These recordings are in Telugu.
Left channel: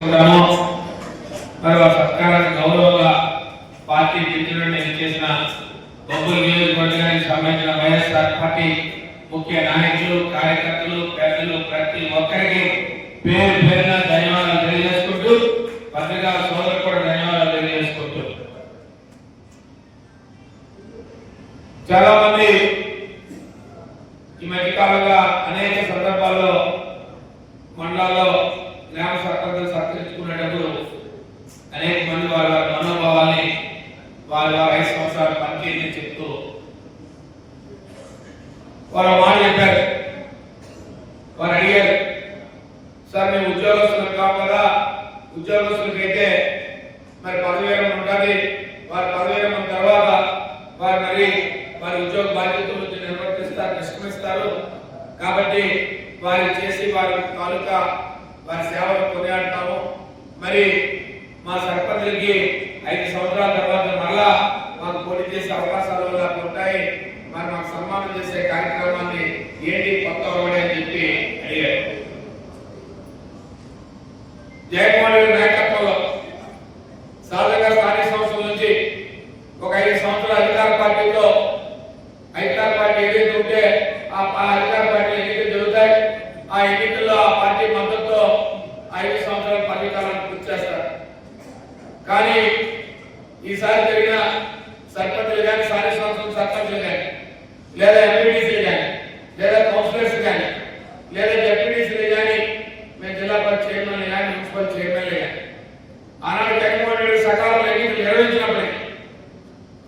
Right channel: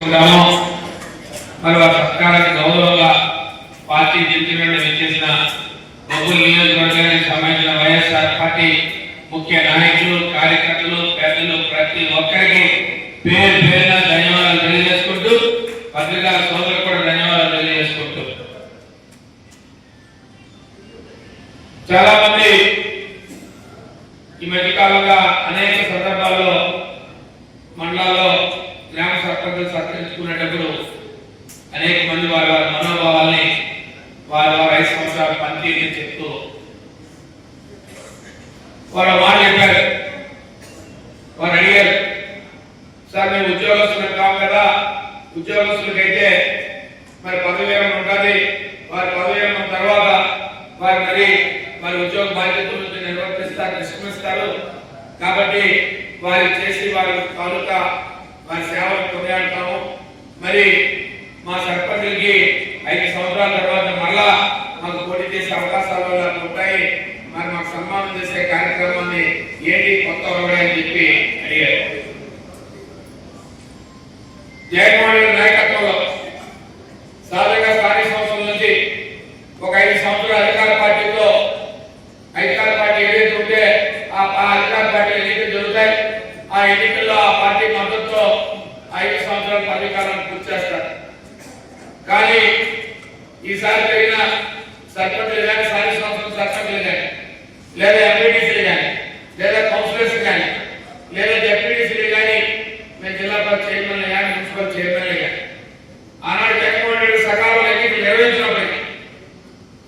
మరి ఆ సత్కారాన్ని గౌరవంగా పార్టీ జడ్జిమెంట్ ఇచ్చేసిన బొబ్బులు నియోజకవర్గానికి సంబంధించిన వైఎస్ఆర్ పార్టీ ముఖ్య నాయకులు కార్యకర్తలు పెద్దలు ప్రతి ఒక్కరికి పేరు పేరున ధన్యవాదాలు తెలియజేసుకుంటూ పత్రికా సోదరులకు కూడా ధన్యవాదాలు తెలియజేసుకుంటూ చాలా మంది ఈ మధ్య కాలంగా అనేక సందర్భాల్లో మండలాల్లో గ్రామ సర్పంచులు సత్కరించుకునేటప్పుడు అనేక మంది వారి వారి మనోభావాల్ని వారి 5 సంవత్సరాల పనితీరుని చెప్తూ వారు మాట చెప్పారు. వారు అడిగారు, సార్ మేము ఉద్యోగస్తులు కాం కదా, ఉద్యోగస్తులకైతే మరి పదవి విరమణ ఉంటుంది, వారి పదవి విరమణ తర్వాత వారి ఉద్యోగ బాధ్యతల నుంచి నిష్క్రమిస్తారు కాబట్టి వారు చేసి వారి తాలూకా వారి సేవలు కొనియాడతాము. మరి మా సర్పంచులకి 5 సంవత్సరాల తర్వాత మళ్ళా మాకు పోటీ చేసే అవకాశాలు ఉంటాయి, మరి మాకు సన్మానం చేసే కార్యక్రమాన్ని ఏంటి కొత్త అని చెప్పి అడిగారు. జగన్మోహన్ రెడ్డి నాయకత్వంలో సాధారణంగా స్థానిక సంస్థల నుంచి ఒక 5 సంవత్సరాల అధికార పార్టీతో అధికార పార్టీ ఏదైతే ఉంటే ఆ అధికార పార్టీ ఎన్నికలు జరుగుతాయి. ఆ ఎన్నికల్లో ఆ పార్టీ మద్దతుతో 5 సంవత్సరాల పదవీకాలం పూర్తి చేస్తారు. కానీ ఈసారి జరిగిన సర్పంచులు కానీ స్థానిక సంస్థల సర్పంచులు కానీ లేదా ఎంపీటీసీలు కానీ లేదా కౌన్సిలర్స్ కానీ లేదా డెప్యూటీసీలు కానీ మేము జిల్లా పరిషత్ చైర్మన్లు కానీ మున్సిపల్ చైర్మన్లు కానీ ఆనాడు జగన్మోహన్ రెడ్డి సకాలంలో ఎన్నికలు నిర్వహించినప్పటికీ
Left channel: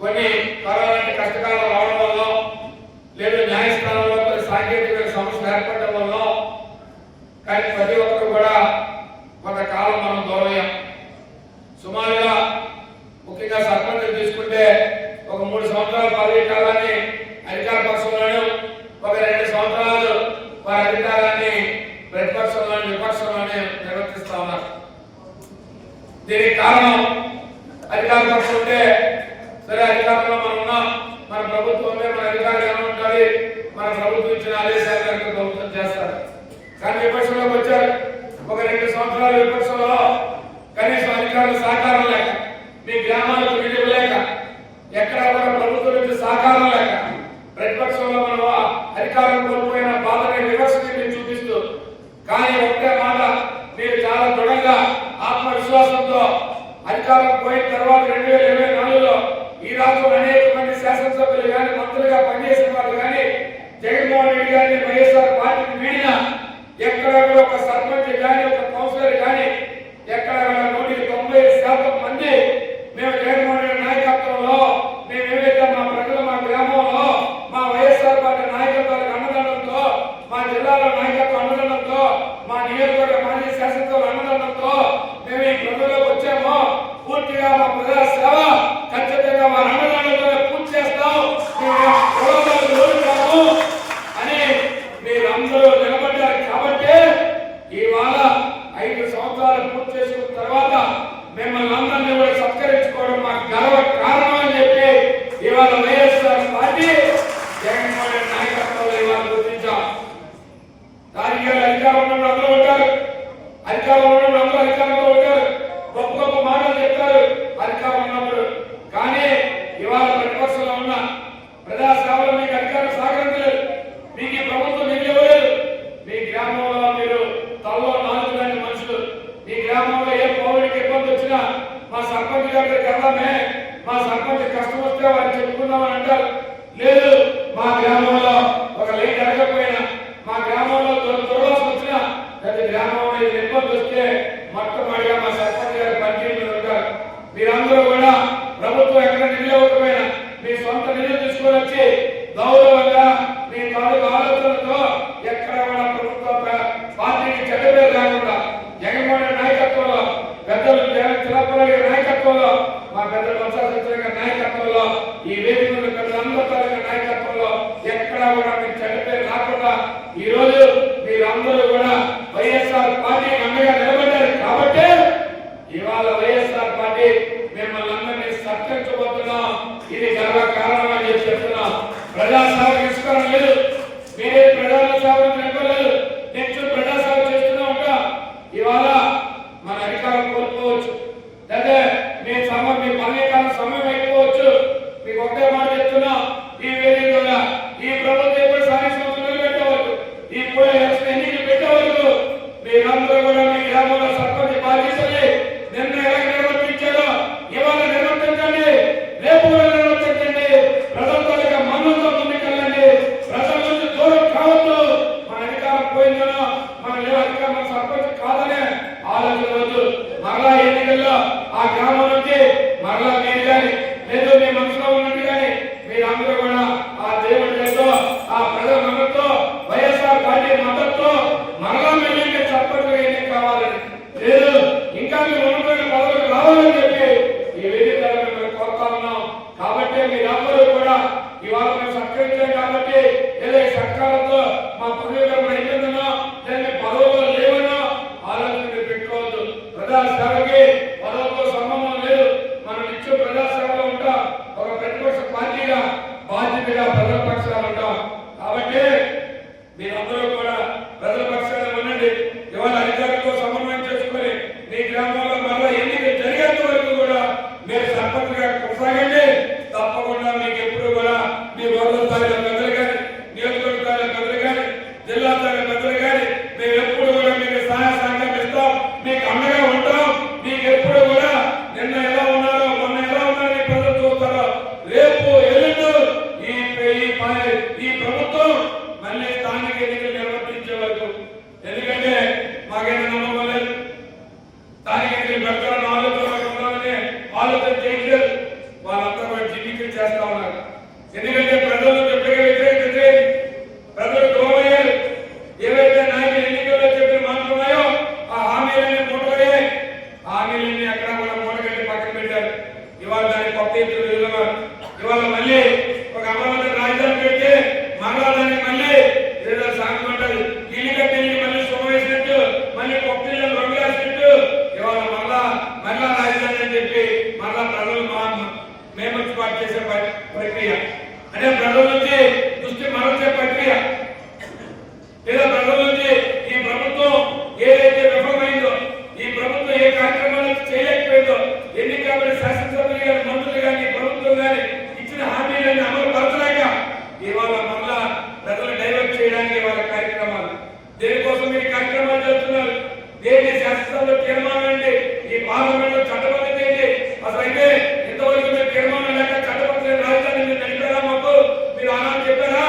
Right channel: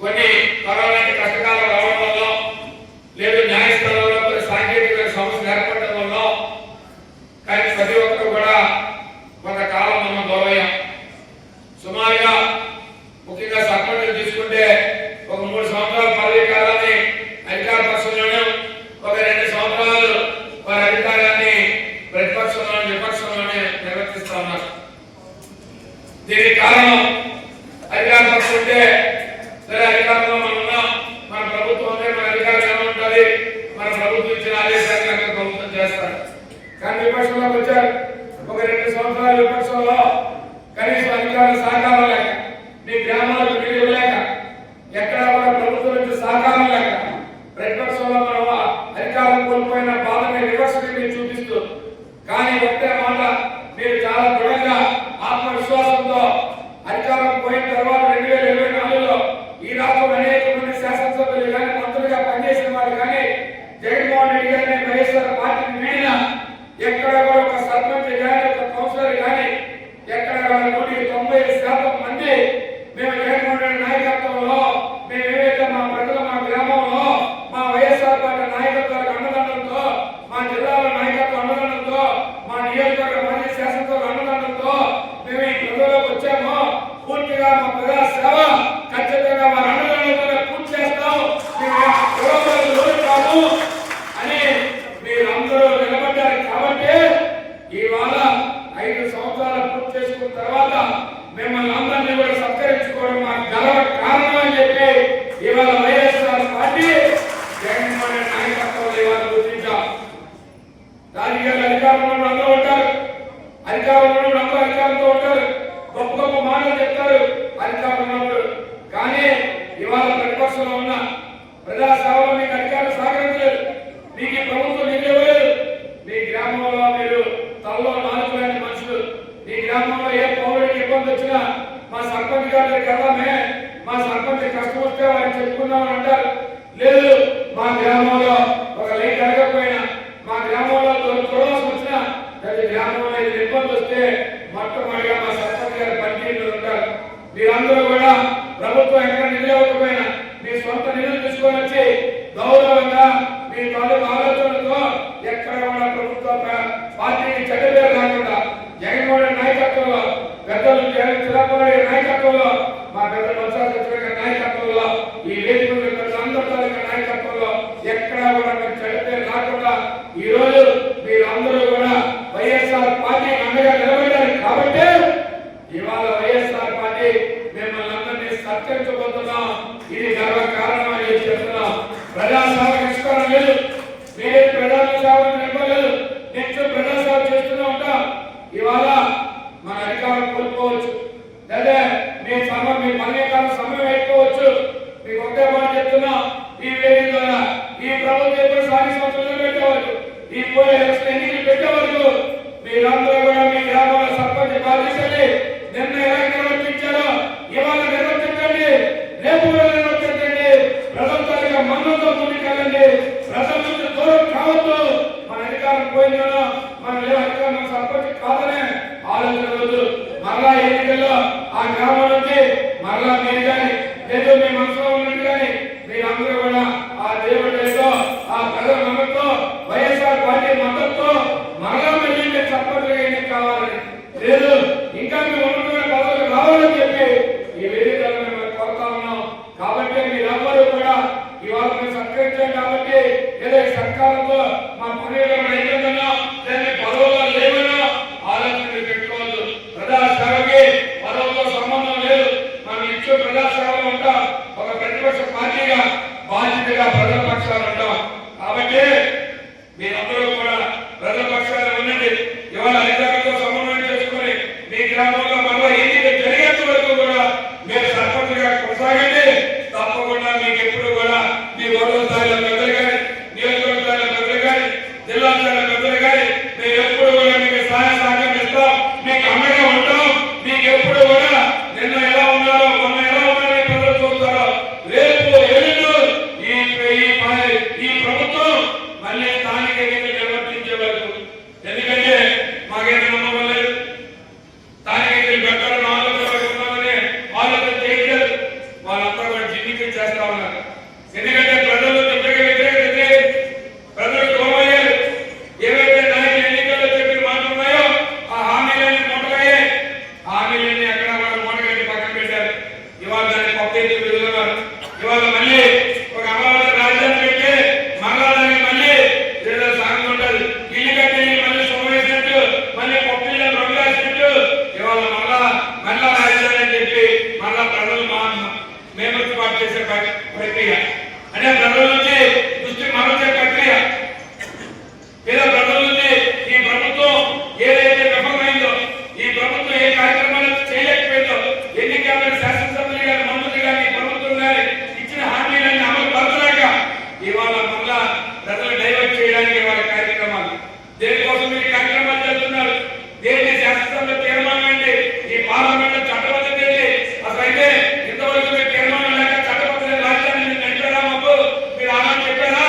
కొన్ని కరోనా కష్టకాలం రావడం వల్ల లేదా న్యాయస్థానంలో కొన్ని సాంకేతిక సమస్యలు ఏర్పడడం వల్ల కానీ ప్రతి ఒక్కరు కూడా కొంతకాలం మనం దూరమయ్యాం. సుమారుగా ముఖ్యంగా సర్పంచులు తీసుకుంటే ఒక 3 సంవత్సరాల పదవీ కాలాన్ని అధికార పక్షంలోనూ ఒక 2 సంవత్సరాలు వారి అధికారాన్ని ప్రతిపక్షంలోని విపక్షంలోనే నిర్వర్తిస్తా ఉన్నారు. దీనికి కారణం అధికార పక్షం ఉంటే సరే అధికారంలో మనం ఉన్నాం, మన ప్రభుత్వం ఉంటే మన అధికారం ఎలా ఉంటుంది, మన ప్రభుత్వం ఇచ్చిన ఆదేశాలు ప్రభుత్వం చేస్తారు. కానీ విపక్షంలోకి వచ్చారు, ఒక 2 సంవత్సరాల విపక్షంలో కనీసం అధికారుల సహకారం లేక, మీ గ్రామాలకు నిధులు లేక, ఎక్కడ కూడా ప్రభుత్వం నుంచి సహకారం లేక ప్రతిపక్షంలో మనం అధికారం కోల్పోయిన బాధని వివక్షని మీరు చూపిస్తూ, కానీ ఒకటే మాట మీరు చాలా దృఢంగా ఆత్మవిశ్వాసంతో అధికారం పోయిన తర్వాత 2024లో ఈ రాష్ట్రంలో అనేక మంది శాసనసభ్యులు కానీ మంత్రులుగా పనిచేసిన వాళ్ళు కానీ జగన్మోహన్ రెడ్డి గారిని వైఎస్ఆర్ పార్టీని వీడిన ఎక్కడ కూడా ఒక సర్పంచ్ కానీ ఒక కౌన్సిలర్ కానీ ఎక్కడ కూడా 90% మంది మేము జగన్మోహన్ రెడ్డి నాయకత్వంలో మేము ఏవైతే మా ప్రజలు మా గ్రామంలో మా వైఎస్ఆర్ పార్టీ నాయకత్వాలకు అండదండంతో, మా జిల్లాలో నాయకత్వం అండదండంతో, మా నియోజకవర్గ మాజీ శాసనసభ్యుల అండదండంతో మేము ఈ ప్రజల్లోకి వచ్చామో పూర్తిగా మా ప్రజా సేవ ఖచ్చితంగా వారి అండదండంతోనే పూర్తి చేస్తాము, మేము ఓడిస్తాము అని మీరందరూ నిలబడ్డారు. కాబట్టి ఇవాళ 5 సంవత్సరాలు పూర్తి చేసుకున్న తర్వాత మిమ్మల్ని అందరినీ కూడా సత్కరించుకోవడం మాకు గర్వ కారణం అని చెప్పి ఇవాళ వైఎస్ఆర్ పార్టీ జగన్మోహన్ రెడ్డి నాయకత్వంలో ఇవాళ గుర్తించాం. రాజకీయాలు అధికారంలో అందరూ ఉంటారు, అధికారంలో అందరూ అధికారంలో ఉంటారు, గొప్ప గొప్ప మాటలు చెప్తారు అధికారం ఉన్నప్పుడు. కానీ ఇవాళ ప్రతిపక్షంలో ఉన్న ప్రజా సేవలో మీకు అధికారులు సహకరించలేదు, మీకు ఈ ప్రభుత్వం నిధులు ఇవ్వలేదు. మీ గ్రామంలో మీరు తలలో నాలుగులేని మనుషులు, ఈ గ్రామంలో ఏ పౌరుడికి ఇబ్బంది వచ్చినా మా సర్పంచ్ గారి దగ్గరికి వెళ్దామే, మా సర్పంచ్ కష్టం వస్తే వారికి చెప్పుకుందామని అంటారు. లేదు, మా గ్రామంలో ఒక లైట్ అడగకపోయినా, మా గ్రామంలో దొరవాల్సి వచ్చినా, ప్రతి గ్రామంలో ఇది ఇబ్బంది వస్తే మొట్టమొదటిగా మా సర్పంచ్ గారి పనితీరులు ఉంటారు. మీరందరూ కూడా ప్రభుత్వం ఎక్కడ నిధులు ఇవ్వకపోయినా మీ సొంత నిధులు తీసుకొని వచ్చి గౌరవంగా మీ తాలూకు ఆలోచనలతో ఎక్కడ కూడా ప్రభుత్వ పార్టీకి చెడ్డ పేరు లేకుండా జగన్మోహన్ రెడ్డి నాయకత్వంలో, పెద్దలు చిరపల్లి నాయకత్వంలో, మా పెద్దలు వంశాల నాయకత్వంలో, ఈ వేదిక పెద్దలందరి నాయకత్వంలో ఎక్కడ కూడా మీకు చెడ్డ పేరు రాకుండా ఈరోజు మీరందరూ కూడా వైఎస్ఆర్ పార్టీ అండగా నిలబడ్డారు. కాబట్టి ఇవాళ వైఎస్ఆర్ పార్టీ మిమ్మల్ని అందరినీ సత్కరించబోతున్నాం. ఇది గర్వ కారణం అని చెప్తున్నాం. ప్రజాసేవ నిష్కరణ లేదు, మీరే ప్రజా సేవ నిలబడలేదు, నిత్యం ప్రజాసేవ చేస్తూనే ఉంటాం. ఇవాళ మన అధికారులు దిశని నిన్న ఎలా నిర్వర్తించారో ఇవాళ నిర్వర్తించండి, రేపు కూడా నిర్వర్తించండి. ప్రజల తాలూకా మన్నతో ముందుకెళ్ళండి. ప్రజల నుంచి దూరం కావద్దు. మన అధికారం పోయిందనో మన అధికారం సర్పంచ్ కాదనే ఆలోచన మరలా ఎన్నికల్లో ఆ గ్రామం నుంచి మరలా మీరు కానీ లేదు మీ మనసులో ఉన్నట్టు కానీ మీరందరూ కూడా ఆ దేవుడితో ఆ ప్రజల మద్దతుతో వైఎస్ఆర్ పార్టీ మద్దతుతో మరలా వెళ్ళి సర్పంచ్ ఎన్నిక కావాలని లేదు ఇంకా మీరు ఉన్నటువంటి పదవులకు రావాలని చెప్పి ఈ వేదిక కోరుతా ఉన్నాం. కాబట్టి మీరందరూ కూడా ఇవాళ మేము సత్కరించాం కాబట్టి ఏదో సర్కారంతో మా పనులు అయిపోయిందనో లేదా పదవుల్లో లేవనో ఆలోచన పెట్టుకోవద్దు. ప్రజాసేవకి పదవులతో సంబంధం లేదు. మనం ఇచ్చే ప్రజాసేవలో ఉంటాం. ఒక ప్రతిపక్ష పార్టీగా బాధ్యతగా ప్రజల పక్షాలు ఉంటాం. కాబట్టి మీరందరూ కూడా ప్రజల పక్షాలు ఉండండి. ఇవాళ అధికారులతో సమన్వయం చేసుకుని మీ గ్రామంలో మళ్ళీ ఎన్నిక జరిగేంత వరకు కూడా మీరు సర్పంచ్గా కొనసాగండి. తప్పకుండా మీకు ఎప్పుడు కూడా మీ గౌరవ స్థాయిలో పెద్దలు కానీ నియోజకవర్గ స్థాయిలో పెద్దలు కానీ జిల్లా స్థాయిలో పెద్దలు కానీ మేము ఎప్పుడు కూడా మీకు సహాయ సహకారం ఇస్తాం, మీకు అండగా ఉంటాం. మీకు ఎప్పుడు కూడా నిన్న ఎలా ఉన్నారో మొన్న ఎలా ఉన్నారో ప్రజలు చూస్తారో రేపు ఎల్లుండు ఈ ప్రభుత్వం మళ్ళీ స్థానిక ఎన్నికలు నిర్వర్తించే వరకు. ఎందుకంటే మాకేం నమ్మకం లేదు. స్థానిక ఎన్నికలు పెట్టాలని ఆలోచన చేయలేదు. వాళ్ళంతా కూడా జిమ్మికి చేస్తా ఉన్నారు. ఎందుకంటే ప్రజలు చెప్పగా వ్యతిరేకత ప్రజలు దూరమయ్యారు. ఏవైతే నాయకులు ఎన్నికల్లో చెప్పిన మాటలు ఉన్నాయో ఆ హామీలన్నీ మూటలయ్యాయి. హామీలన్నీ అక్కడ కూడా మూటగట్టి పక్కన పెట్టారు. ఇవాళ దాన్ని కొత్త ఎత్తులు వెళ్తున్నారు. ఇవాళ మళ్ళీ ఒక అమరావతి రాజధాని పెట్టి మరలా మళ్ళీ ఏదో సాగు ఉంటుంది. ఇల్లు కట్టి మళ్ళీ సోమేసినట్టు మళ్ళీ కొత్త రెండు రాసినట్టు ఇవాళ మళ్ళా రాజధాని అని చెప్పి మళ్ళా ప్రజలు మేమర్పాటు చేసే ప్రక్రియ అంటే ప్రజల నుంచి దృష్టి మరల్చే ప్రక్రియ. లేదా ప్రజల నుంచి ఈ ప్రభుత్వం ఏదైతే విఫలమైందో, ఈ ప్రభుత్వం ఏ కార్యక్రమాలు చేయలేకపోయిందో, ఎన్నికల శాసనసభ్యులు కానీ మంత్రులు కానీ ప్రభుత్వం కానీ ఇచ్చిన హామీలన్నీ అమలు పరచలేక ఇవాళ మళ్ళా ప్రజలు డైవర్ట్ చేయడానికి వాళ్ళ కార్యక్రమాలు. దేనికోసం మీరు కార్యక్రమాలు చేస్తున్నారు? దేని శాసనసభలో తీర్మానం ఏంటి? ఈ పార్లమెంట్ లో చట్టబద్ధత ఏంటి? అసలు అయితే ఇంతవరకు మీరు తీర్మానం లేక చట్టబద్ధ రాజధాని మీరు నడిపారా? మాకు మీరు అలా చెప్పారా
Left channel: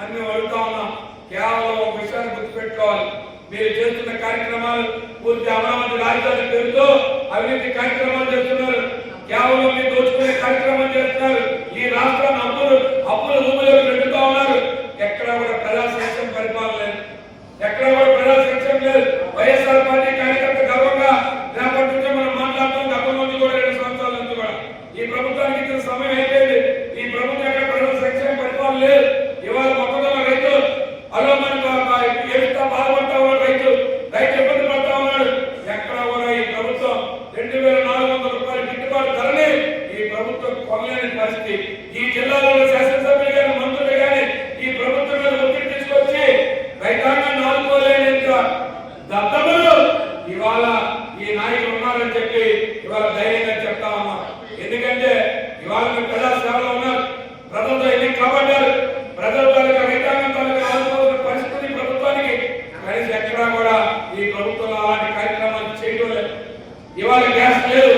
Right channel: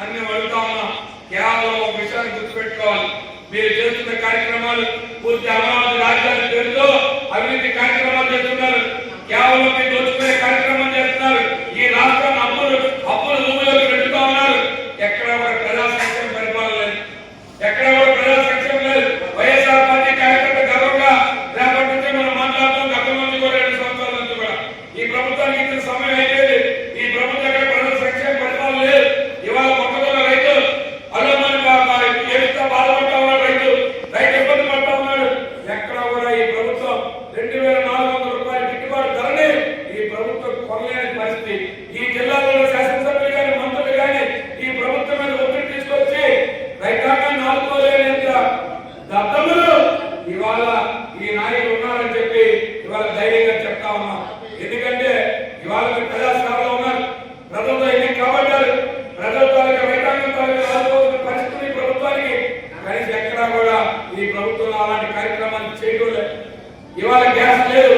అని మేము అడుగుతా ఉన్నాం. కేవలం ఒక విషయాన్ని గుర్తుపెట్టుకోవాలి. మీరు చేస్తున్న కార్యక్రమాలు పూర్తి అమరావతి రాజధాని పేరుతో అవినీతి కార్యక్రమాలు చేస్తున్నారు. కేవలం మీరు దోచుకునే కార్యక్రమం చేస్తున్నారు. ఈ రాష్ట్రం అప్పుల భూములకు పెట్టుతూ ఉన్నారు. ఎక్కడ కూడా ప్రజా సంక్షేమ పరిపాలన లేదు. ఎక్కడ కూడా ప్రజా సంక్షేమం లేదు. వైఎస్ఆర్ పార్టీ కార్యకర్త గర్వంగా రేపటి నుంచి మనం మాట్లాడుతాం. గతం నుంచి కూడా 2 సంవత్సరాల నుంచి కూడా ఈ ప్రభుత్వానికి ఇచ్చిన సమయం అయిపోయింది. ఈ ప్రభుత్వం ఎక్కడ ప్రజల సంక్షేమ పరిపాలన లేదు. ఇవాళ మొక్కజొన్న రైతు అలోమని ఏడుస్తా బాధపడతా ఉన్నాడు. రైతు ఇబ్బంది పడతా ఉన్నాడు. ఎక్కడ కూడా ఈ ప్రభుత్వం 2400 రూపాయల గిట్టుబాటు ధరని ఈ ప్రభుత్వం కొనలేని పరిస్థితి. ఈ జిల్లాలో శాసనసభ్యులు కానీ మంత్రులు కానీ ఈ ప్రభుత్వం మీద ఒత్తిడి తీసుకొచ్చి రైతాంగాన్ని ఆదుకోలేనంత దద్దములు ఇవాళ ఈ నాయకులు ఉన్నారని చెప్పి ఇవాళ ధైర్యంగా చెప్తా ఉన్నాం. ఎందుకంటే ఇవాళ ప్రజాసేవలో ఉన్నారు. ప్రజలతో ఎన్ని కాపాడారు. ప్రజల తాలూకా రైతాంగం తాలూకా ఆదుకోవాల్సిన పరిస్థితి ప్రభుత్వానికి కనీసం ఎక్కడా కూడా ఈ ప్రభుత్వం అలాంటి కార్యక్రమాలు చేయడం లేదు. ఇవాళ గ్యాస్ లేదు.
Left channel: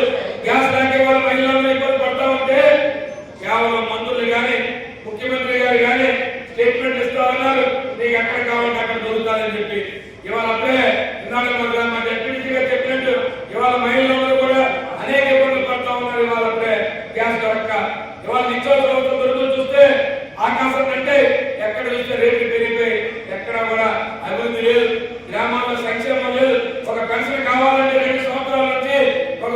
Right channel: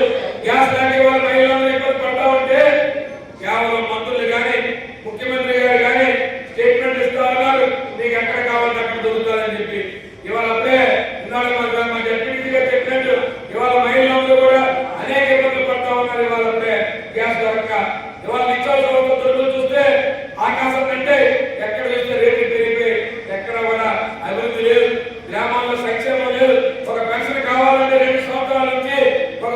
గ్యాస్ లేక ఇవాళ మహిళలను ఇబ్బంది పడతా ఉంటే కేవలం మంత్రులు కానీ ముఖ్యమంత్రి గారు కానీ స్టేట్మెంట్ ఇస్తా ఉన్నారు. నీకు ఎక్కడ కావాలంటే అక్కడ దొరుకుతారని చెప్పి ఇవాళ అప్పుడే ఇన్నాడు మా జడ్పీటీసీ గారు చెప్పినట్టు ఇవాళ మహిళలందరూ కూడా అనేక ఇబ్బందులు పడతా ఉన్నారు. ఇవాళ అప్పుడే గ్యాస్ దొరక ఇవాళ నిత్యావసర దొరుకుతూ చూస్తే ఆకాశం అంటే ఎక్కడ చూస్తే రేట్లు పెరిగిపోయి ఎక్కడ కూడా అభివృద్ధి లేదు. గ్రామాల్లో సంక్షేమం లేదు. ఒక పెన్షన్ కావాలంటే 2 సంవత్సరాల నుంచి ఒక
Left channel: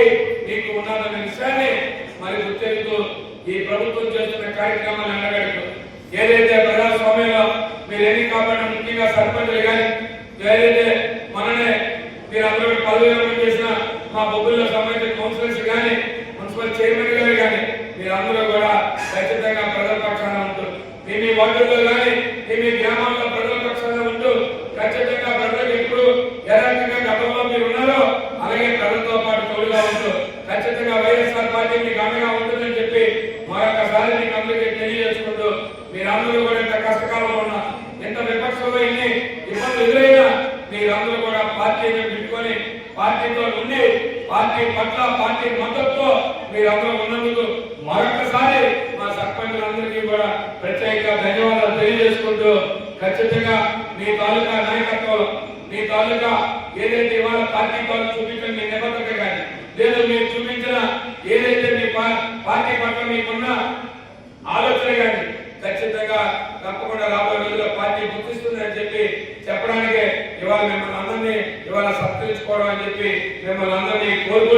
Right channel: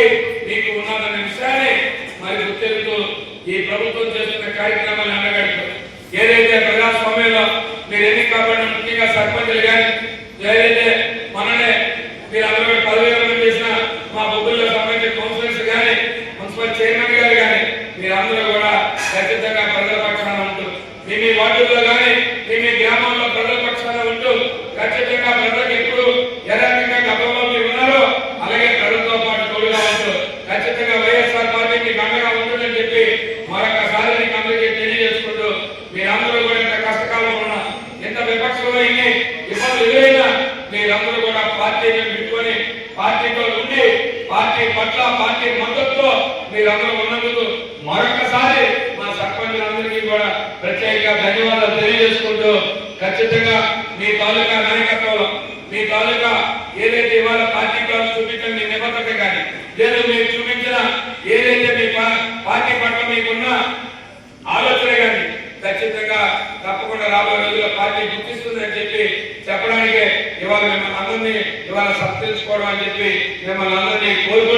పార్టీ మీకు ఉన్నదన్న విషయాన్ని మరి గుర్తెలుతూ ఈ ప్రభుత్వం చేస్తున్న కార్యక్రమాన్ని అన్నగడుతూ ఏదైతే ప్రజాస్వామ్యంలో మీరు ఎన్ని కాబట్టి ముఖ్యంగా సర్పంచులు కానీ ఏదైతే మననే మీరు అందరూ 10,000 మంది చేసిన మా బొగ్గుల్లో సంబంధించిన కౌన్సిలర్స్ కానీ మున్సిపల్ చైర్మన్ గారు కానీ మీరందరూ కూడా ఖచ్చితంగా ప్రజల పక్షాన ఉంటూ మీ వార్డుల్లో కానీ మీ గ్రామంలో ప్రజల పక్షాన ఉంటూ ఖచ్చితంగా ప్రజలకు ఎప్పుడు ఏ రకంగా గతంలో మీరు ఉన్నారో అలాగే ప్రజలతో పాటు తోడుగా ఉంటూ ఖచ్చితంగా వైఎస్ఆర్ పార్టీ మీకు అండగా ఉంటుందని చెప్పి మరొకసారి మీకు అందరికీ తెలియజేసుకుంటూ మీరందరూ కూడా ఎంత కష్టకాలంలో ఉన్నా ఎంత విపక్షంలో ఇన్ని ఇబ్బందులు ఎదురైనా మీరందరూ కూడా పార్టీని పెట్టుకొని పార్టీతో ఉండి పార్టీ పట్ల పార్టీ మద్దతుతో మీరందరూ ఉన్నందుకు మరొకసారి మా సర్పంచులందరికీ కూడా ప్రత్యేకంగా ధన్యవాదాలు తెలియజేసుకుంటూ ఖచ్చితంగా మీ తాలూకా నాయకత్వంలో మీ తాలూకా ఏదైతే ఇవాళ పార్టీ వాళ్ళు చూపించిన మీ నిబద్ధత కానీ లేదా మీరు చూపించిన ఏదైతే మీ పార్టీ పట్ల మీకున్న ఆలోచన కానీ ఖచ్చితంగా తప్పకుండా రాబోయే రోజుల్లో పార్టీ గుర్తిస్తుందని చెప్పి చెప్పడానికి ఇవాళ మిమ్మల్ని అందరినీ ఇవాళ సత్కరించుకోవడం అని చెప్పి మిమ్మల్ని అందరినీ కోరుకుంటున్నాను.